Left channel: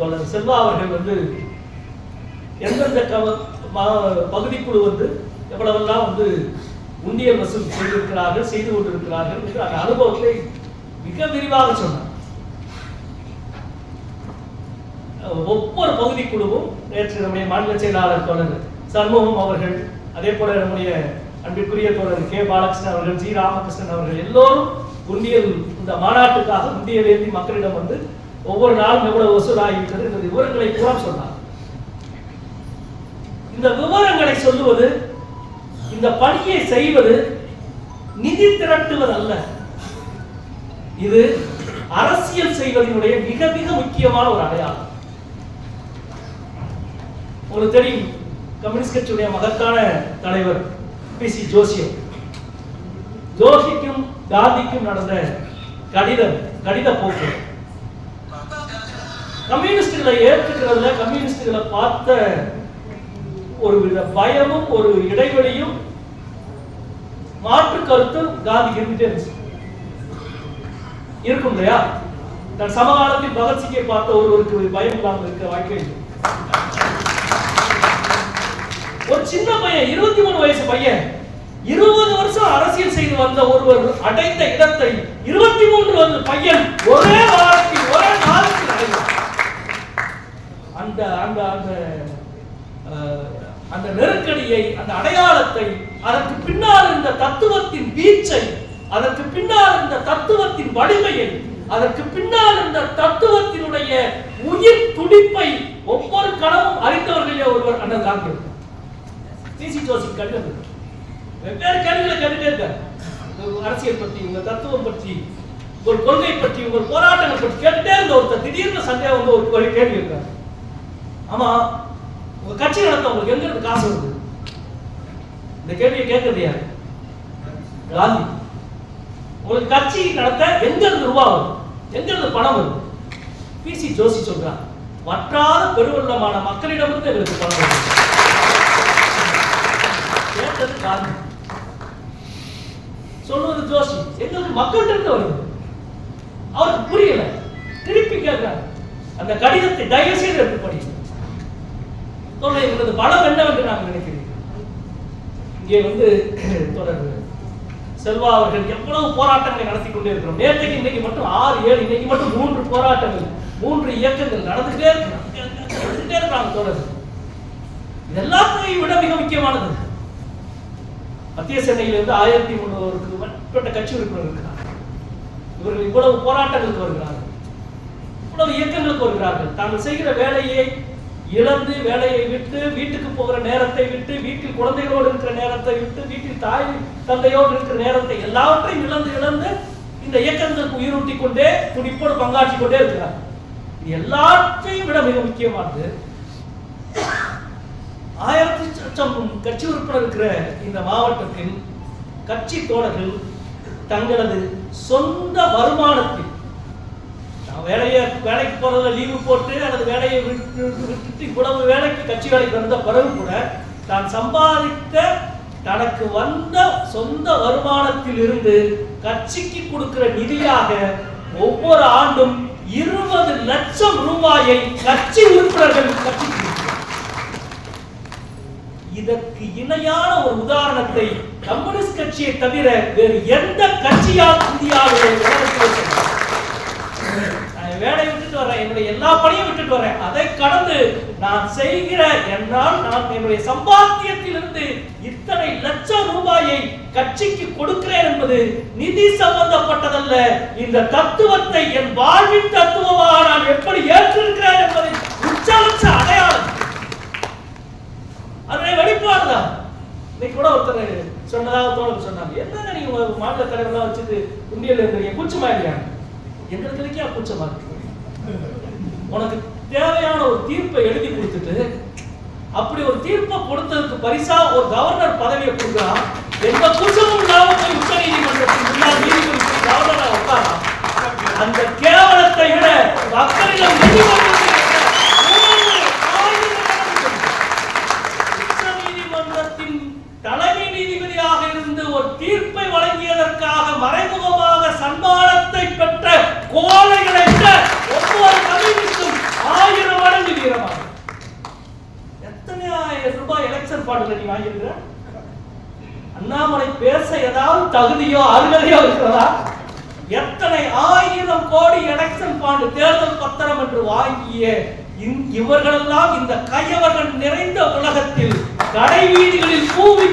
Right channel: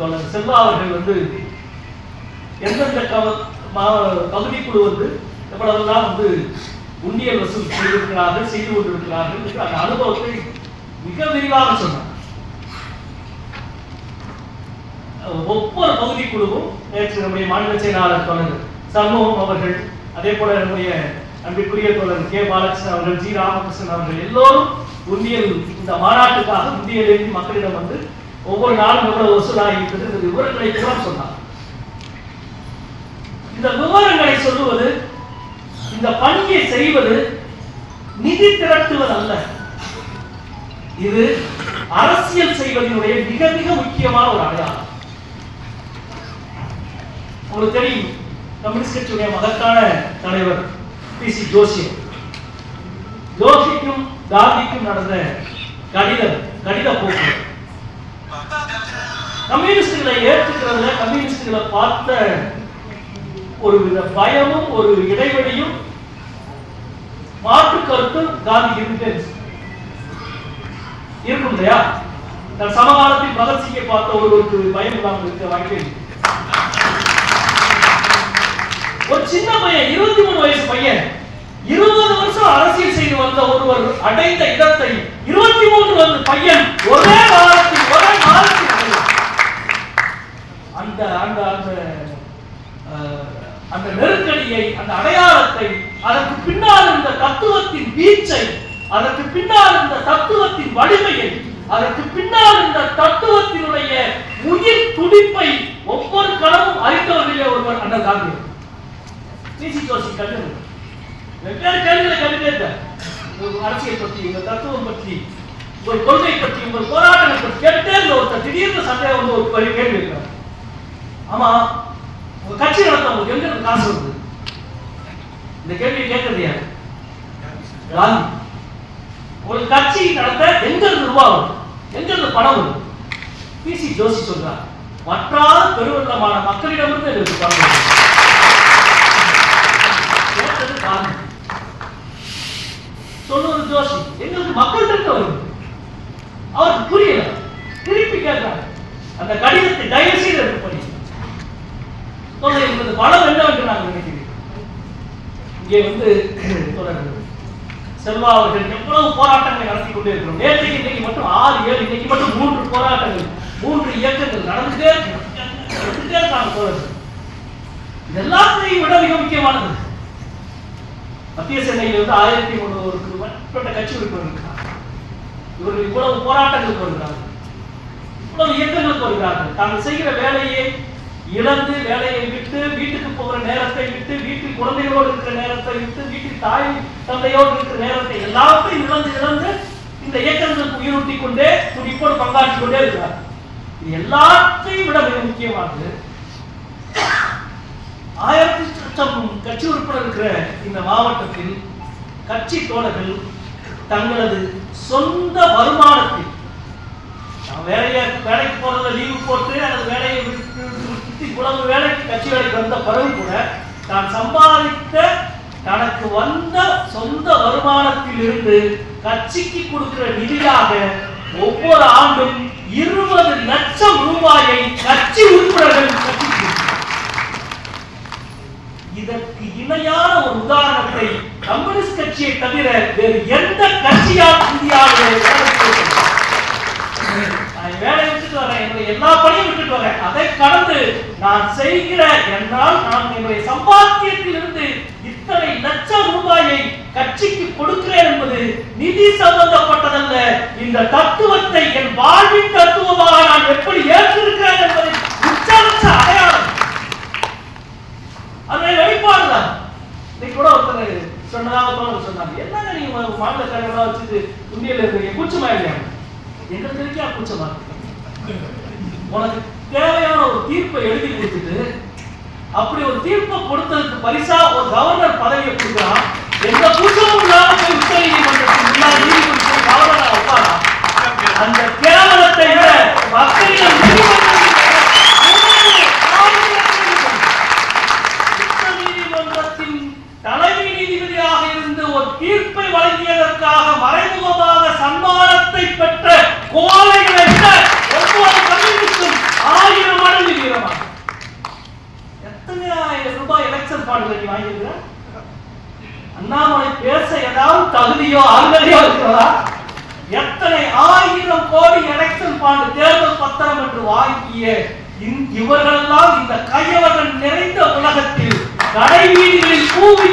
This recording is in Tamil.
தோழர் செல்வா அவர்கள் வந்து எந்தெந்த பகுதிக்குழு வந்து எவ்வளவெல்லாம் வந்து உண்டியல் வசூல் செய்திருக்கிறார்கள் செய்து கொண்டிருக்கிறார்கள் அந்த அனுபவத்தை மிக விரிவாக சொன்னார். ஒவ்வொரு ஒவ்வொரு பகுதிக்குழுவும் நேற்று நம்முடைய மாநில செயலாளர் தொடர் சண்முகம் அவர்கள் அதே போல நம்முடைய அன்பிற்குரிய தொடர் கே. பாலகிருஷ்ணன் அவர்கள் ஜி. ராமகிருஷ்ணன் அவர்கள் எல்லோரும் உண்டியல் இந்த மாநாட்டுக்காக உண்டியல் மக்களிடம் வந்து ஒவ்வொரு நாளும் எவ்வளவு வசூலாகிவிட்டது இந்த விவரங்களை கூட சொன்னார். இந்த விவரங்களை சொல்லுவது இந்த பணியை செய்வது நிதி திரட்டுவது அல்ல. இது அரசியல் செய்வதனுடைய மிக மிக முக்கியமான ஒரு அடையாளம். உங்களுக்கு தெரியும் கம்யூனிஸ்ட் கட்சியுடைய மகத்தான தலைவர் பி சி ஜோஷியம் ஜோஷிக்கும் காந்திக்கும் நடந்த கடிதம் கடித போக்குவரத்து கம்யூனிஸ்டுகளை ஏற்றுக்கிறதுல கம்யூனிஸ்டுகளை பார்த்த ஒரு வித பயமும் ஒரு இடைவெளியும் மாற்று கருத்தும் காந்தி இருந்துட்டே இருந்துச்சு. இருக்கும் இல்லையா தன் சமகாலத்தில் பகத்சிங்கை பார்த்த ஒருவருக்கு பயம் இல்லாமல் இருக்க வாழ்க்கை ஒரு சின்ன பையன் இருபத்தி மூணு வயசு பையன் இருபது வருஷம் அரசியல் செய்து வந்த ஒருவர் அடைந்த இடத்தை இருபத்தி மூன்று வந்த பையன் ஒரே வாரத்தில் ஒரே மாதத்தில் அடைந்தார். அந்த அந்த அந்த அஹ், அந்த நெருக்கடியை அந்த அடையாளத்தை அதற்கு பின்னால் இருந்த தத்துவத்தின் வீச்சை அதற்கு பின்னால் இருந்த தத்துவத்தின் வலிமையை அதற்கு பின்னால் இருந்த தத்துவத்தினுடைய உயிர் துடிப்பை ஒவ்வொரு களமும் அறிந்தவர்களே ஒருவர் அண்ணன் தாங்க சிசி ஜோசி கல்லூரி வெவ்வேறு கேள்விகளை கேட்டுட்டே அரசியல் பற்றி உங்கள் தத்துவம் பற்றி உங்கள் கொள்கை பற்றி உங்கள் போராட்டங்கள் பற்றி கேட்டே இருந்த ஒருத்தர் திடீர்னு சந்தேகம் வந்து ஒரு கேள்வி இருக்கிறார் ஆமா உங்க கட்சி நடத்த உங்களுக்கு எங்க காசு வருது? இந்த கேள்வியை கேட்கறது யார்? காந்தி. ஒரு கட்சி நடத்த எங்க இருந்து ரூபா வரும்? எங்க இருந்து பணம் வருது பிசி ஜோஷி சொல்றார் வற்றால் பெருவெள்ளமான மக்களிடமிருந்து எங்களுக்கு பணம் வரும். கேட்டது காந்தி. சொல்லுவது ஜோஷி எங்களுக்கு மக்கள்கிட்ட வரும். அவருக்கு புரியல. திருப்பி கேட்கிறாங்க அந்த கடிதத்தை தயவு செய்து எடுத்து படிச்சு சொல்ல என்பது பலம் என்னவென்று நான் நினைக்கிறேன் இங்கே வந்து தொடர் செல்வா அவர்கள் எவ்வளவு போராட்டங்களை நடத்தி கொண்டே இருக்கிறோம். நேற்றைக்கு இன்னைக்கு மட்டும் ஆறு ஏழு இன்னைக்கு மட்டும் மூன்று போராட்டங்கள் மூன்று இயக்கங்கள் நடந்துட்டே நடந்துட்டே இருக்காங்க தோழர் எல்லாத்தையும் விட மிக முக்கியமானது மத்திய சென்னையில் இருந்து ஆயிரத்தி முன்னூறுக்கு மேற்பட்ட கட்சி உறுப்பினர் இருக்கிறார் இவர்கள் இவ்வளவு போராட்டங்களுக்கு வருகிறார்கள் இவ்வளவு இயக்கங்களுக்கு வருகிறார்கள் தாங்கள் செய்கிற வேலையை இழந்து வேலையை விட்டு வீட்டுக்கு போகிற நேரத்தை விட்டு வீட்டில் குழந்தைகளோடு இருக்கிற நேரத்தை விட்டு வீட்டில் தாய் தந்தையோடு இருக்கிற நேரத்தை எல்லாத்தையும் இழந்து இழந்து இந்த இயக்கங்களுக்கு உயிரூட்டி கொண்டே துடிப்போடு பங்காற்றிக் கொண்டே இருக்கிறார். இது எல்லாத்தையும் விட மிக முக்கியமானது ஆயிரத்தி லட்சம் கட்சி உறுப்பினர் இருக்கிற இந்த மாவட்டத்தில் கட்சி தோழர்கள் தங்களது சொந்த வருமானத்தில் வேலையை வேலைக்கு போறதுல லீவு போட்டு அல்லது வேலையை விட்டு விட்டு இவ்வளவு வேலைக்கு கட்சி வேலைக்கு வந்த பிறகு கூட தான் சம்பாதித்த தனக்கு வந்த சொந்த வருமானத்தில் இருந்து கட்சிக்கு கொடுக்கிற நிதியாக ஒவ்வொரு ஆண்டும் இருபது லட்சம் ரூபாயை கட்சி உறுப்பினர்கள் இதற்கு இணையான ஒரு உதாரணத்தை கம்யூனிஸ்ட் கட்சியை தவிர வேறு எந்த கட்சியால் இந்தியாவில் வேலை வேலையை விட்டுட்டு வரேன் என்னுடைய எல்லா பணியும் விட்டுட்டு வரேன் அதை கடந்து நான் செய்கிற என்றால் நான் என்னுடைய சம்பாத்தியத்தில் இருந்து இத்தனை லட்சம் ரூபாயை கட்சிக்கு கொடுக்கிறேன் என்பது நிதி சம்பந்தப்பட்டதல்ல. இந்த தத்துவத்தை என் வாழ்வின் தத்துவமாக நான் எப்படி ஏற்றிருக்கிறேன் என்பதை உச்சரிச்ச அடையாளம். அதை வெளிப்பாடுதான் இன்னைக்கு கூட ஒருத்தர் சொன்னதாக சொன்னாங்க. என்னங்க நீங்க மாநில தலைவரா வச்சுட்டு உண்டியல் இருக்கிறீங்க கூச்சமா இல்லையா? எங்களுக்கு இருக்கே. கூச்சமா உனக்கு தேவையான ஒரு தீர்ப்பை எழுதி கொடுத்துட்டு அப்படி ஒரு தீர்ப்பை கொடுத்ததுக்கு பரிசா ஒரு கவர்னர் பதவியை கொடுக்கலாம் எந்த கூச்சமும் இல்லாம போய் உச்ச நீதிமன்றத்துக்கு முன்னாடி நீதிமன்றத்தில் கவர்னரா வைப்பாரா அந்த கேவலத்தை விட மக்களிடம் அண்ணாமலை நீ அண்ணாமலை பேச ஏதாவது தகுதியோ அருகதையோ இருக்கிறதா எத்தனை ஆயிரம் கோடி எலெக்ஷன் பாண்டு தேர்தல் பத்திரம் என்று வாங்கிய இவர்களெல்லாம் இந்த கையவர்கள் நிறைந்த உலகத்தில் கடைவீதிகளில் கூவி